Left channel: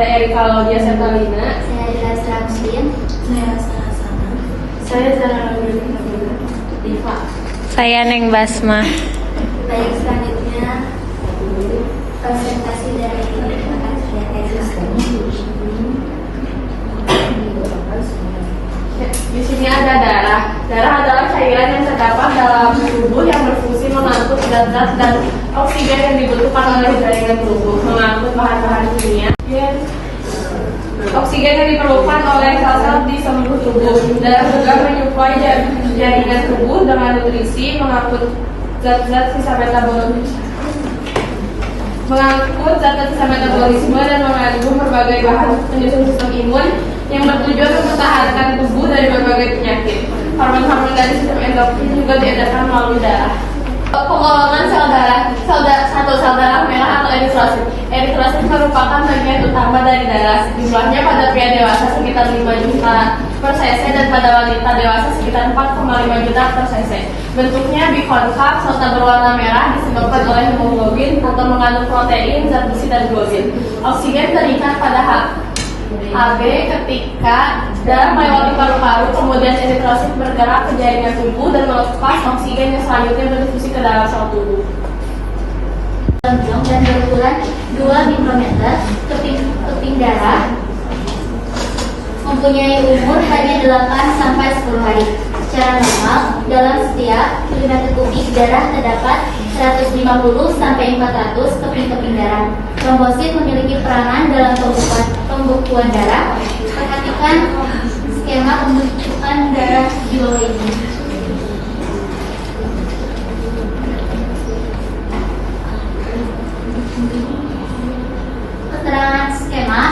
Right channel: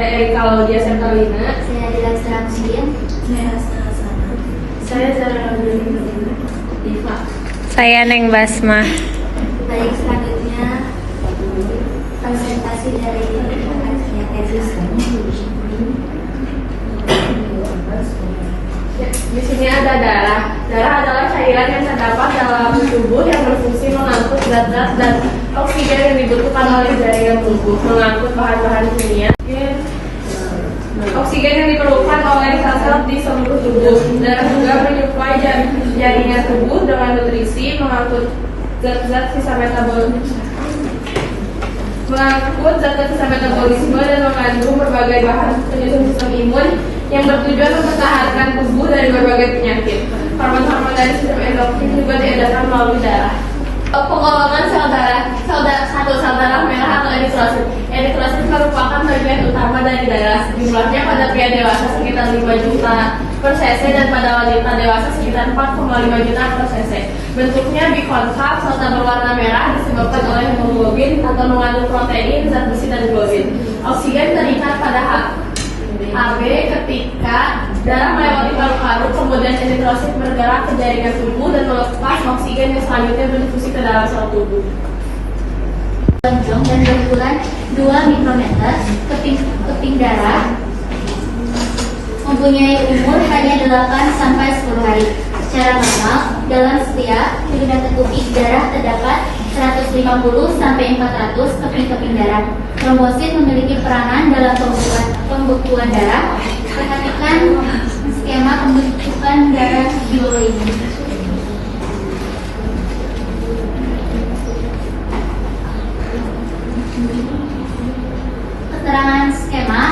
Saya Erika Laudia Sertalina. Saya adalah Samsin. Saya sama-sama. Saya Zara Diva. Saya Neng Basma. Baik, selanjutnya presentasi dari kajian edisi. Di sini ada darah. Darah adalah cairan yang terdapat dalam tubuh yang berfungsi mengangkut zat-zat dan oksigen yang dibutuhkan oleh jaringan tubuh, mengangkut bahan-bahan kimia. Oksigen yang diperlukan oleh sel-sel di seluruh tubuh. Darah juga menyuplai jaringan tubuh dengan nutrisi, mengangkut zat-zat sisa metabolisme dan mengandung berbagai bahan penyusun sistem imun yang bertujuan mempertahankan tubuh dari berbagai penyakit. Hormon-hormon dari sistem endokrin juga diedarkan melalui darah. Penggolongan sel darah, satu sel darah merah atau eritrosit. Eritrosit merupakan bagian utama dari darah. Jumlahnya pada pria dewasa sekitar 5 juta per cc dan pada wanita dewasa sekitar 4,5 juta per cc. Bentuknya bikonkav serta berwarna merah disebabkan oleh hemoglobin atau mengandung protein, zat besi dan globin. Oksigen terikat pada HB ketika darah melewati paru-paru, kemudian eritrosit bergerak ke jaringan tubuh dan melepas oksigen yang selanjutnya berdifusi ke dalam sel tubuh. Lonjong dan berukuran 2 mikrometer, keping darah mempunyai umur hanya 8 sampai 10 hari. Secara normal, dalam setiap milimeter kubik darah terdapat 150 sampai 400 keping-keping darah. Trombosit memiliki peranan dalam pembekuan darah. Perhatikan skema pembentukan darah di bawah ini. Keterangan skema.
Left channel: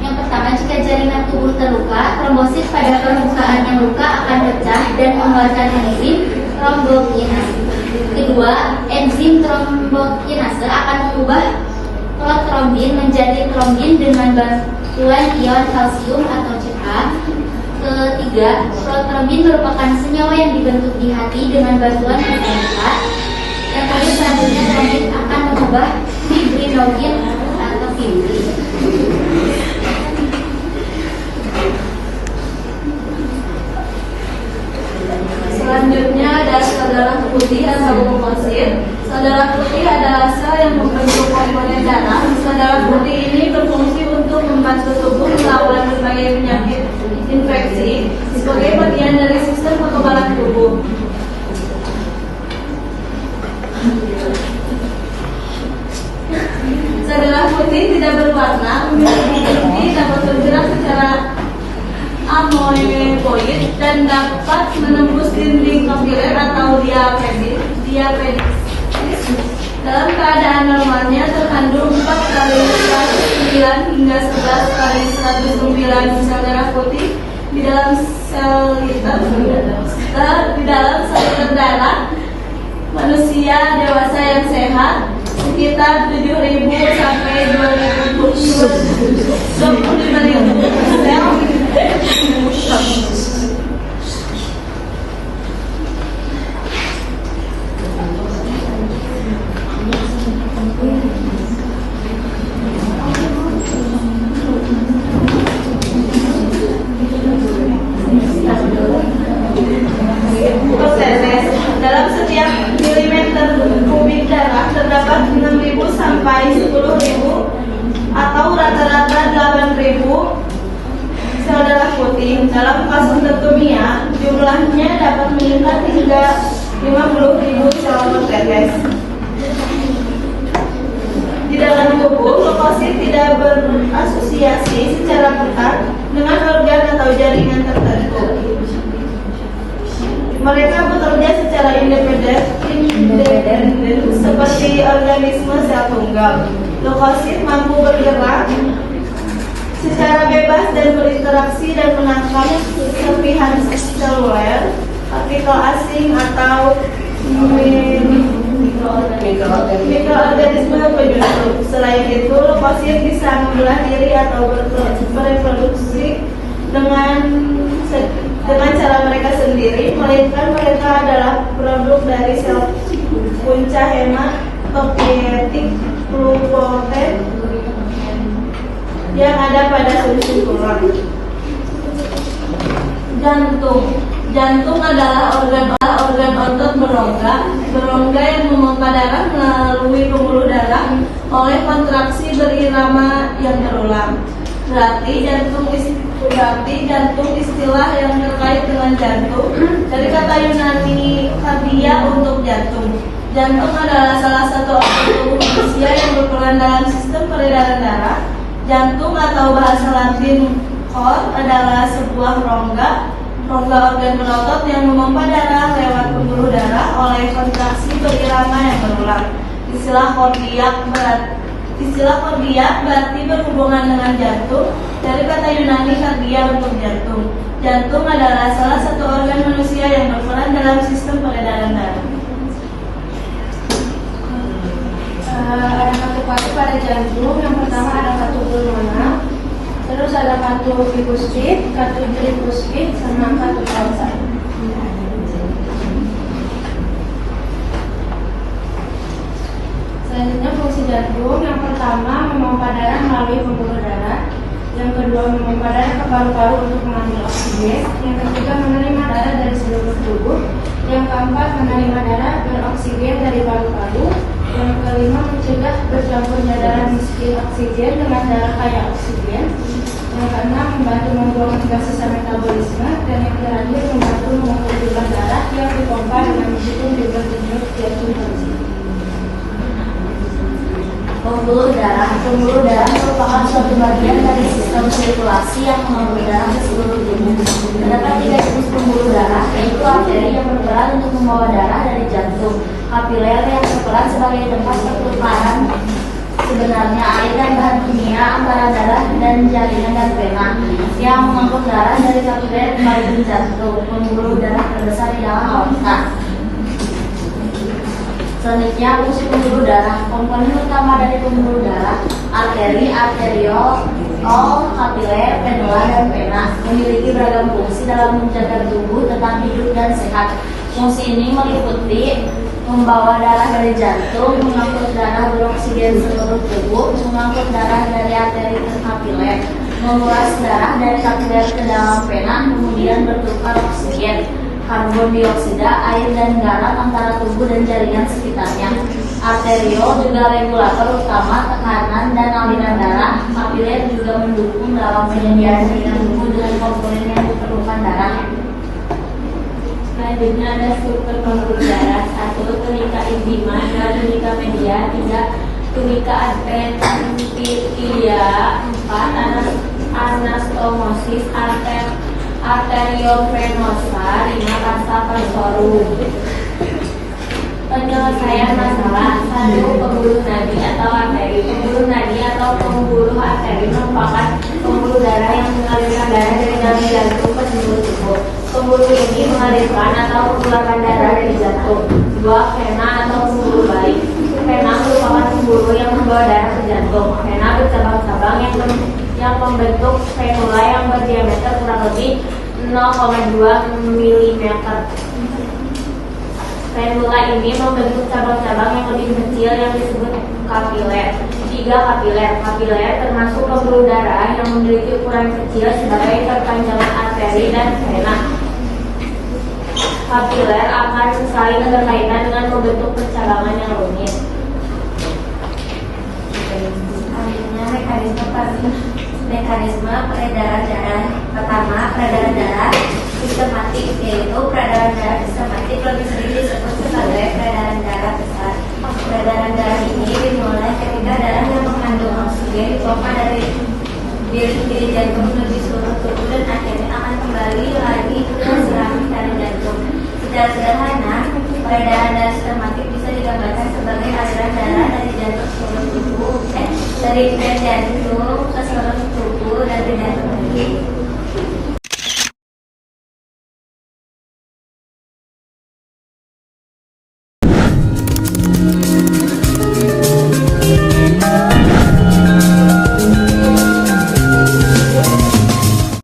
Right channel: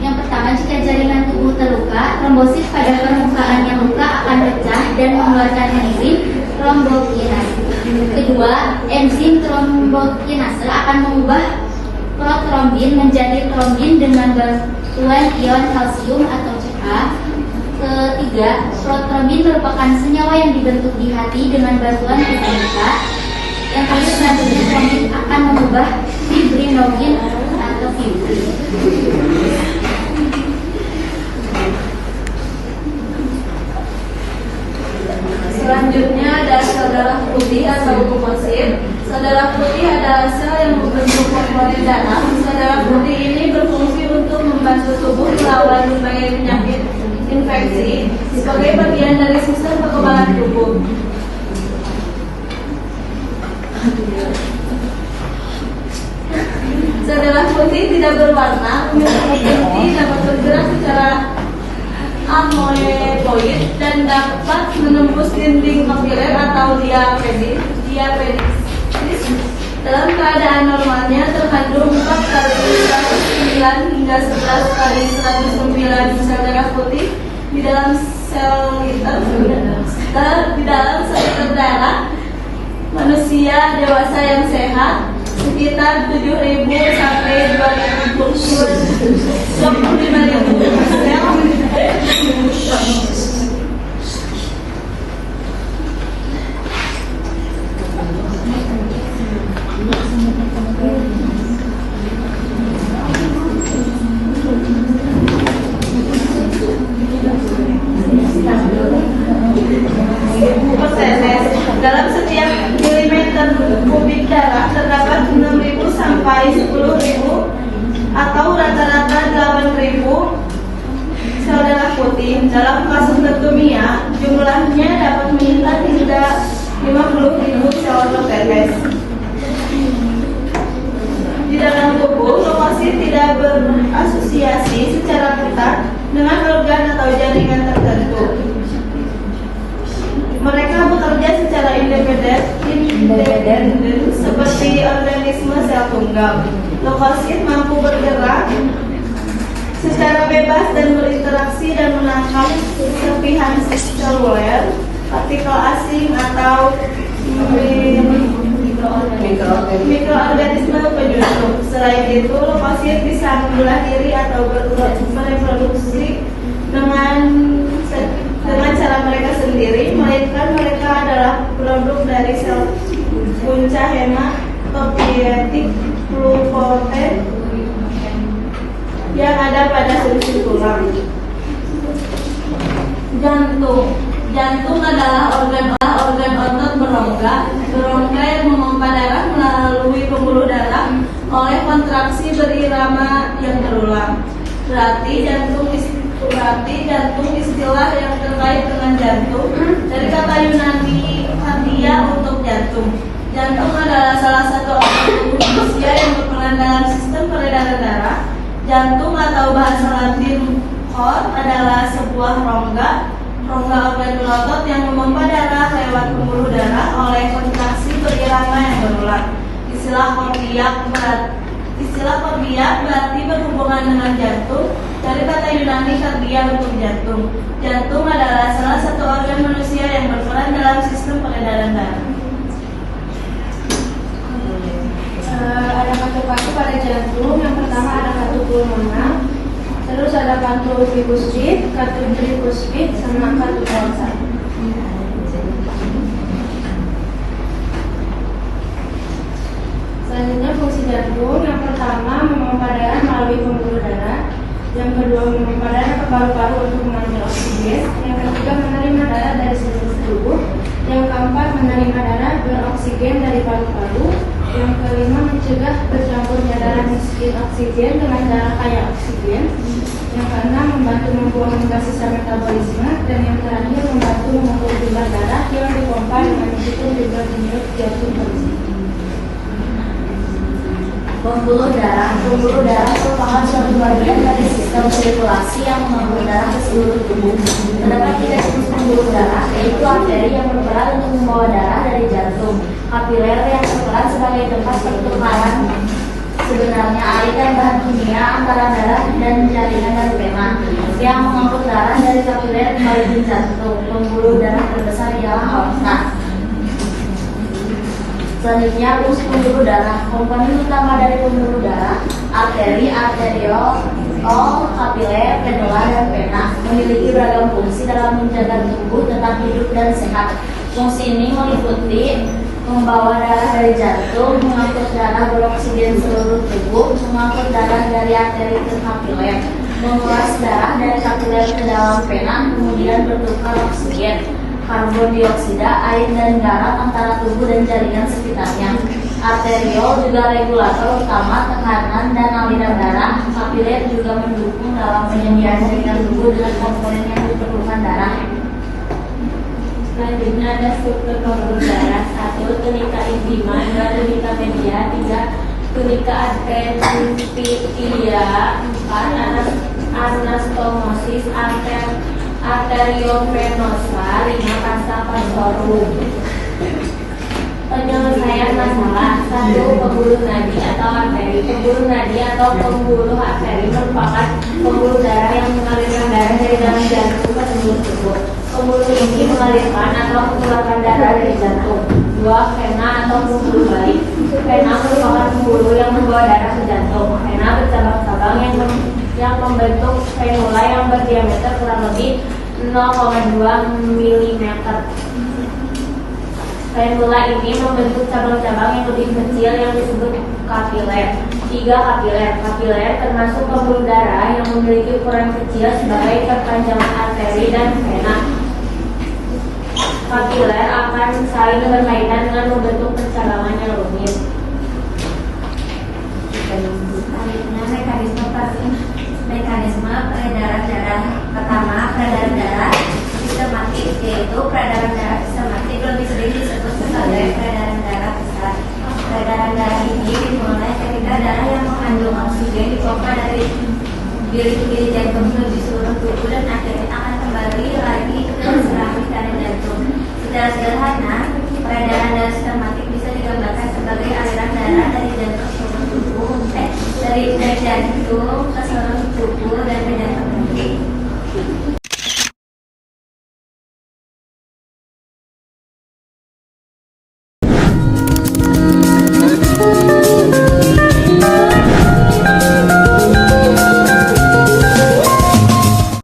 Yang pertama, jika jaringan tubuh terluka, trombosit pada permukaannya luka akan pecah dan mengeluarkan enzim trombokinase. Kedua, enzim trombokinase akan mengubah protrombin menjadi trombin dengan bantuan ion kalsium atau Ca. Ketiga, protrombin merupakan senyawa yang dibentuk di hati dengan bantuan vitamin K. Yang terakhir, selanjutnya trombin akan mengubah fibrinogen atau fibrin. Selanjutnya ada sel darah putih atau leukosit. Sel darah putih adalah sel yang membentuk komponen darah. Sel darah putih ini berfungsi untuk membantu tubuh melawan berbagai penyakit infeksi sebagai bagian dari sistem kekebalan tubuh. Sel darah putih tidak berwarna, inti dapat bergerak secara amyloid dan dapat menembus dinding kapiler atau diapedis. Dalam keadaan normalnya terkandung 4 kali 109 hingga 11 kali 109 sel darah putih di dalam sel liter darah manusia dewasa yang sehat sekitar 7.000 sampai 25.000 sel. Dalam setiap milimeter kubik darah terdapat 6.000 sampai 10.000 atau rata-rata 8.000 sel darah putih. Dalam kasus leukemia, jumlahnya dapat meningkat hingga 50.000 sel per tetes. Di dalam tubuh, leukosit tidak berasosiasi secara ketat dengan organ atau jaringan tertentu. Mereka bekerja secara independen seperti organisme sel tunggal. Leukosit mampu bergerak secara bebas dan berinteraksi dan menangkap serpihan seluler, partikel asing atau mikroorganisme penyusup. Selain itu, leukosit bisa membelah diri atau bereproduksi dengan cara mereka sendiri, melainkan mereka adalah produk dari sel punca hematopietik pluripotent yang ada pada sumsum tulang. Jantung adalah organ otot berongga yang memompa darah melalui pembuluh darah oleh kontraksi berirama yang berulang. Berarti jantung istilah yang terkait dengan jantung dari kata Yunani kardia untuk jantung. Jantung adalah salah satu organ tubuh manusia yang berperan dalam sistem peredaran darah. Jantung atau bahasa Latin cor adalah sebuah rongga organ berotot yang memompa darah lewat pembuluh darah oleh kontraksi berirama yang berulang. Istilah kardia berarti berhubungan dengan jantung dari kata Yunani kardia untuk jantung. Jantung adalah salah satu organ manusia yang berperan dalam sistem peredaran darah. Ada katu-katu pada jantung. Yang pertama ada katu pulmoner, terus ada katu tricuspid, sama katu transat. Selanjutnya fungsi jantung. Yang pertama memompa darah melalui pembuluh darah. Yang kedua memompa darah ke paru-paru untuk mengambil oksigen. Yang ketiga menerima darah dari seluruh tubuh. Yang keempat menerima darah beroksigen dari paru-paru. Yang kelima mencegah bercampurnya darah miskin oksigen dengan darah kaya oksigen. Yang keenam membantu membuang gas sisa metabolisme. Dan yang terakhir membantu mengukur jumlah darah yang dipompa dengan menghitung jumlah denyut jantung manusia. Pembuluh darah merupakan suatu bagian dari sistem sirkulasi yang mengalir darah ke seluruh tubuh. Terdapat 3 jenis pembuluh darah, yaitu arteri yang berperan untuk membawa darah dari jantung, kapiler yang berperan sebagai tempat pertukaran sebenarnya air dan bahan kimia antara darah dan jaringan dan vena, yang mengangkut darah dari kapiler kembali ke jantung. Pembuluh darah terbesar ialah aorta. Selanjutnya fungsi pembuluh darah. Komponen utama dari pembuluh darah: arteri, arteriol, kapiler, venula, dan vena. Memiliki beragam fungsi dalam menjaga tubuh tetap hidup dan sehat. Fungsi ini meliputi membawa darah dari jantung, mengangkut darah beroksigen seluruh tubuh, mengangkut darah dari arteri ke kapiler, menguras darah dari kapiler ke dalam vena, kemudian bertukar oksigen, karbon dioksida, air, dan garam antara tubuh dan jaringan sekitarnya. Arteriol juga regulator utama tekanan dan aliran darah. Kapiler juga mendukung dalam penyediaan jaringan tubuh dengan komponen yang diperlukan darah. Selanjutnya ada struktur pembuluh darah. 1. Tunika intima, 2. Tunika media, 3. Tunika adventitia, 4. Anastomosis arteriovenosa, 5. Kasta vasorum. Penyelesaian masalah. 1. Pembuluh nadi atau arteri. Pembuluh nadi atau pembuluh arteri merupakan pembuluh darah yang mengalirkan darah dari dalam jantung ke seluruh tubuh. Pembuluh ini mengalirkan atau mengeluarkan darah dari jantung. 2. Vena atau pembuluh balik. Vena merupakan pembuluh yang membawa darah ke jantung. Vena bercabang-cabang yang membentuk venula yang berdiameter kurang lebih 0,2 mm. Venula ini membentuk cabang-cabang yang lebih kecil yang disebut kapiler. 3. Kapiler. Kapiler termasuk pembuluh darah yang memiliki ukuran kecil sebagai perpanjangan arteri dan vena. Kapiler akan saling berkaitan dengan membentuk percabangan yang rumit. Selanjutnya mekanisme peredaran darah. Pertama, peredaran darah sistematik, yaitu peredaran darah sistematik lebih sering disebut sebagai peredaran darah besar. Peredaran darah ini dimulai ketika darah yang mengandung oksigen dipompa dari bilik-bilik jantung menuju seluruh tubuh dan akhirnya akan kembali lagi ke sirkulasi dari jantung. Secara sederhana, peredaran darah sistematik bisa digambarkan sebagai aliran darah dari jantung seluruh tubuh, dari jantung